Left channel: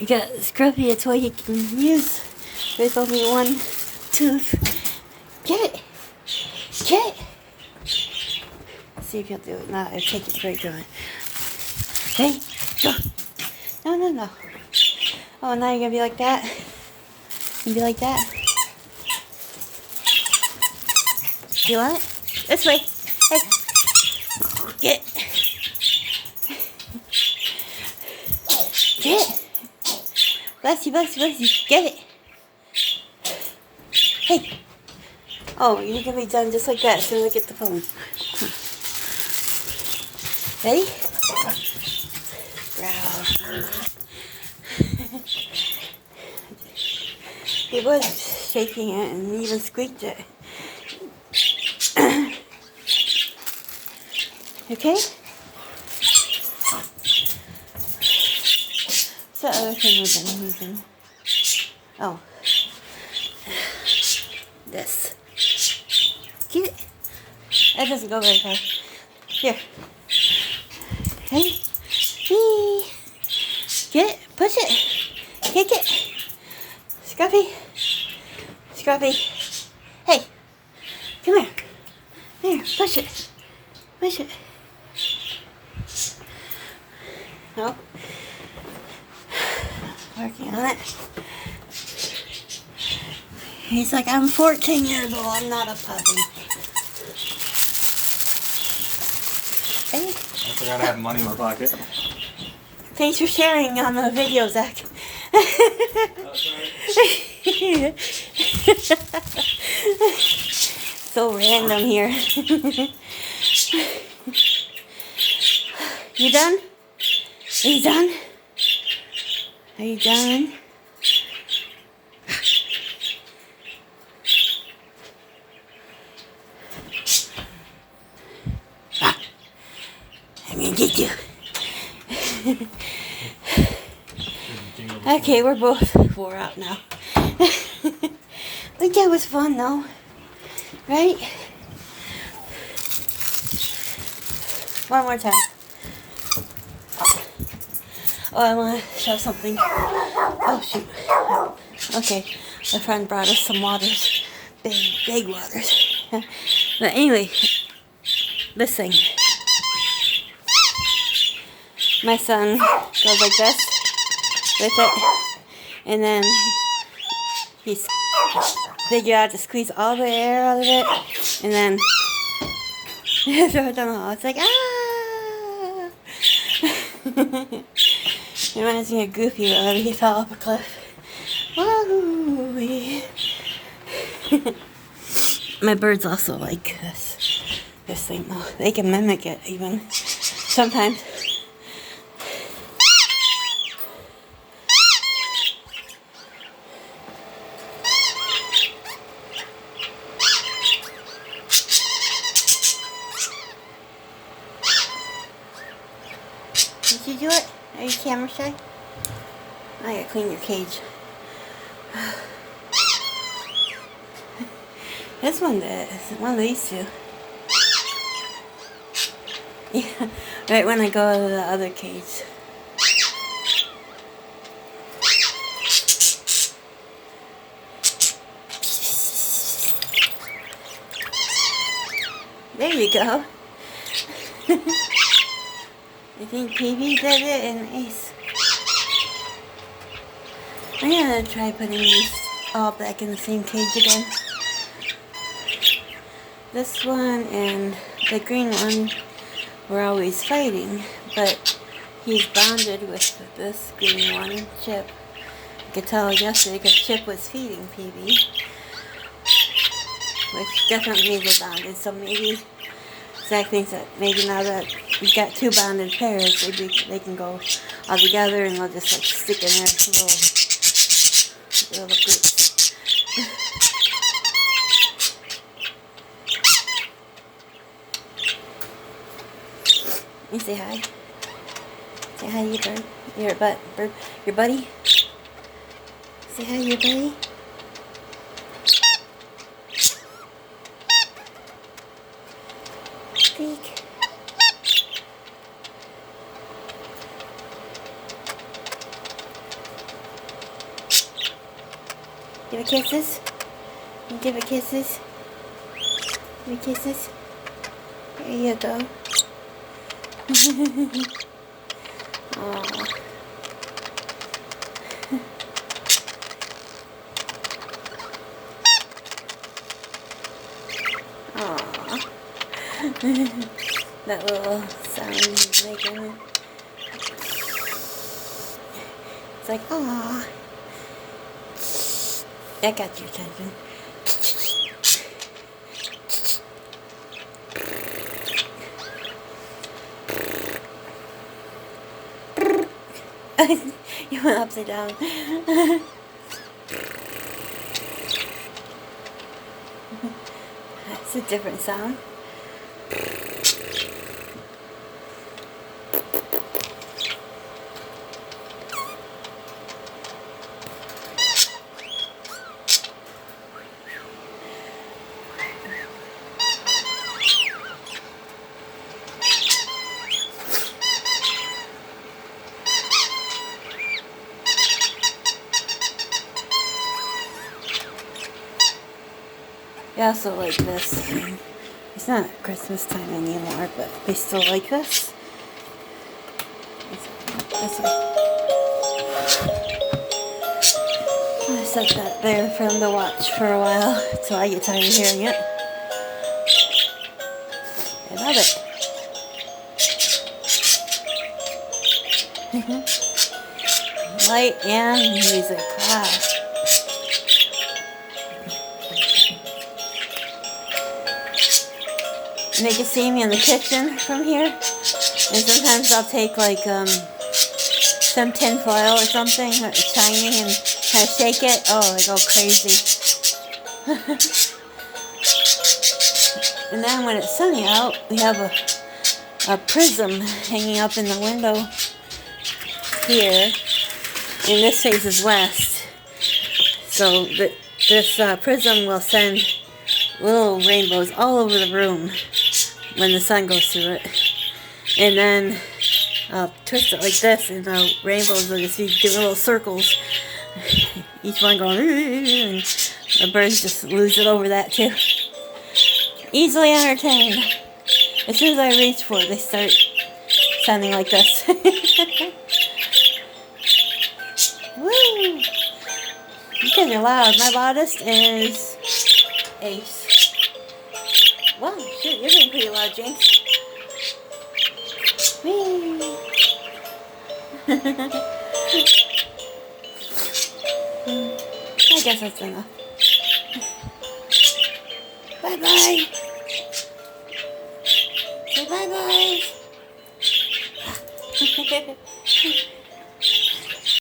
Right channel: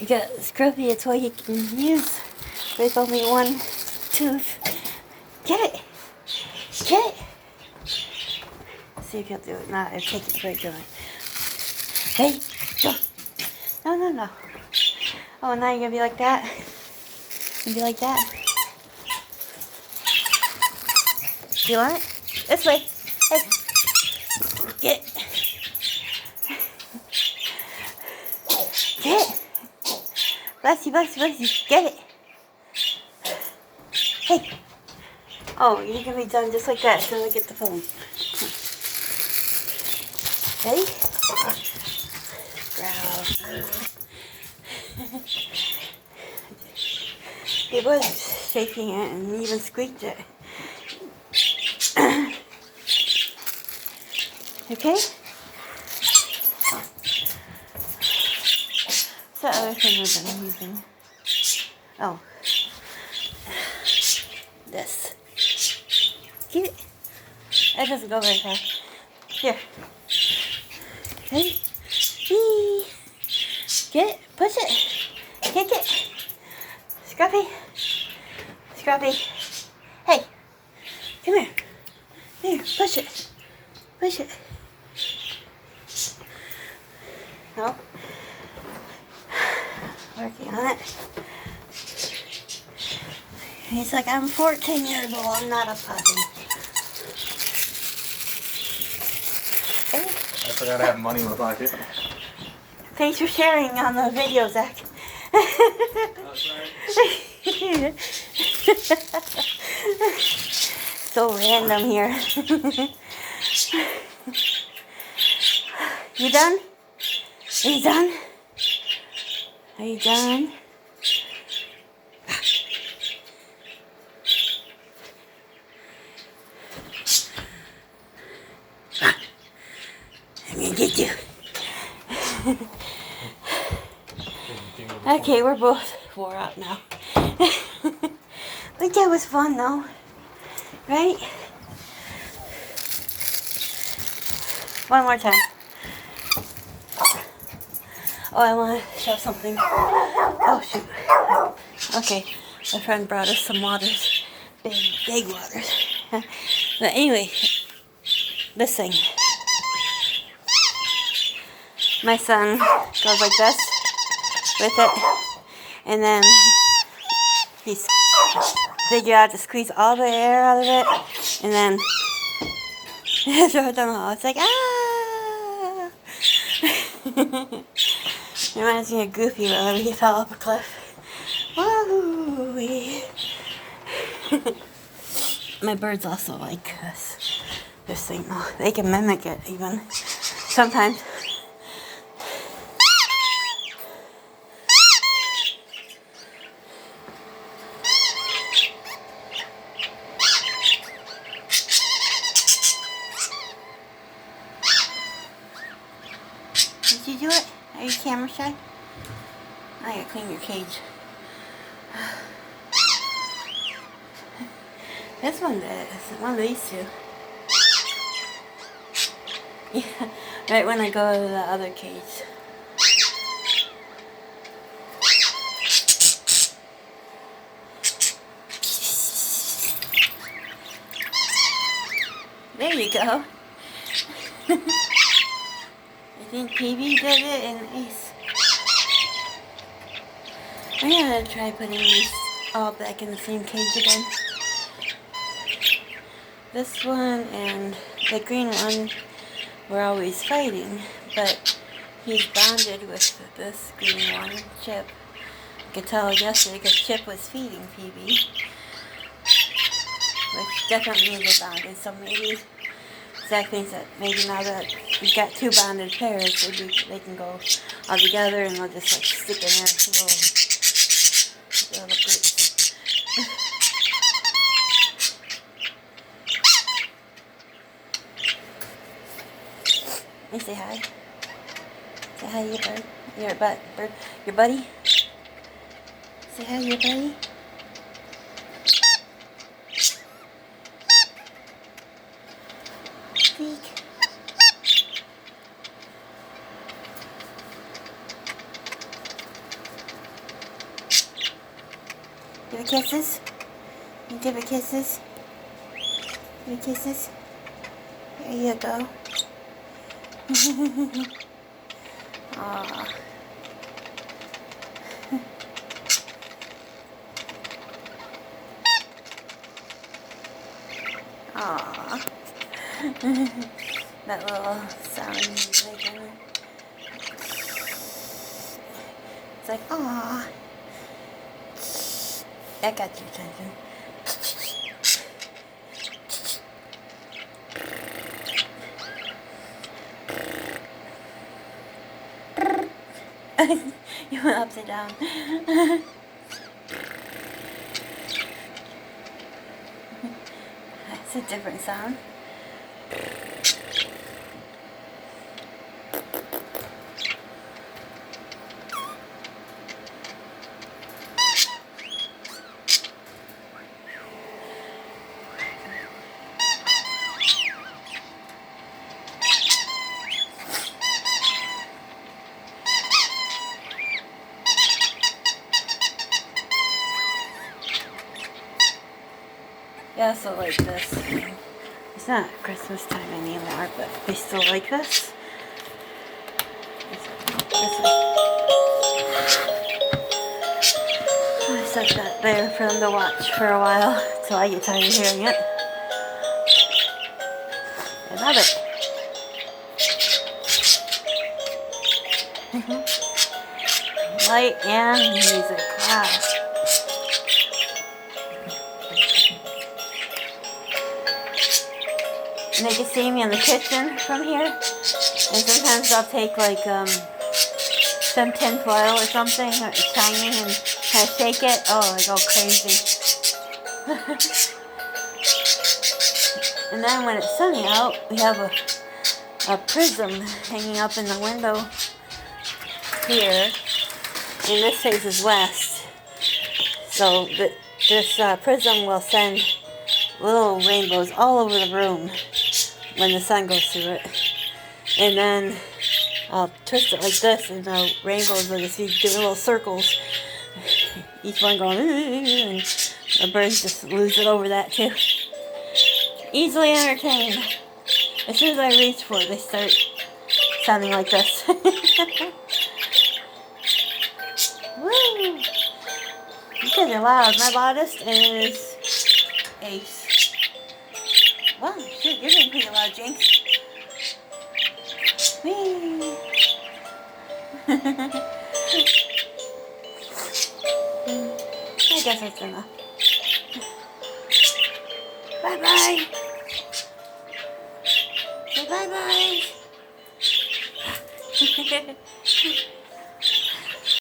You got Scruffy, it's what you can use with only one tooth. Get it! Get it! See if you'll do it. Nah, I take it right to it. Hey, go! No, no, no. Oh, now you're gonna be like that? You be like that? Do you want it? This way. Hey. Get it. Get it. Bless you, bless you, bless you. Get it. Hey. Oh, you're going to be done just like that as soon as I get the phone. Ready? Growl. He was shaking it and even squeaked it. Okay? What's that other thing we've been using? Oh. This. Get it. That doesn't go very far. Here. Hey. Whee. Get it. Push it. Kick it. Scruffy. Scruffy. Hey. Come here. Here. Push it. Push it. No. Working on it. He's like, I'm 14 years old. I'm not a puppy. Hey. I forgot I have money in my pocket. Thanks for sharing on the video, Zach. So random here. You done? Are you done? Are you done? Let me get you. Okay, we're both wore out now. Like that was fun though, right? One more time. Oh, I want to show something. Oh shoot. Okay, my friend brought us some waters, big waters. But anyway, this thing. My son goes like this with it, and then he figure out to squeeze all the air out of it, and then throw it down the hall. It's like, ah! Reminds me of Goofy whenever he fell off a cliff. Woo-wee. My birds also like this thing. Oh, they can mimic it even sometimes. Did you do it? Are you camera shy? I gotta clean your cage. This one did. One of these two. Yeah, right when I go to the other cage. There you go. I think PB did it and Ace. I'm gonna try putting these all back in the same cage again. This one and the green one were always fighting, but he's bonded with this green one, Chip. I could tell yesterday because Chip was feeding PB, which definitely means they're bonded, so maybe Zach thinks that maybe now that we've got two bonded pairs, maybe they can go all together and we'll just like stick in there little groups. Let me say hi. Say hi to your bird. Your buddy. Say hi to your buddy. Speak. Give it kisses. Give it kisses. Give it kisses. There you go. Aww. Aww. That little sound he's making. It's like, aww. I got your attention. You went upside down. That's a different sound. Yeah, so like this. It's not Christmas time anymore, but they still like this. This one. I set that there for them to watch for a while, so I get tired of hearing it. I love it. Light and music. Wow. And they can see me in the kitchen from here. And sometimes I'll take like some tin foil or something, shiny, and kind of shake it. Oh, I go crazy. And then when it's sunny out, we have a prism hanging up in the window here. And this faces west. So this prism will send little rainbows all over the room when the sun goes through it. And then I'll twist it like this, and the rainbows are just these little circles. Each one going, and the birds just lose it over that too. Easily entertained. As soon as I reach for it, they start sounding like this. Woo! You guys are loud. My loudest is Ace. Whoa, shit, you're getting pretty loud, Jinx. Whee! I guess that's enough. Bye-bye. Say bye-bye.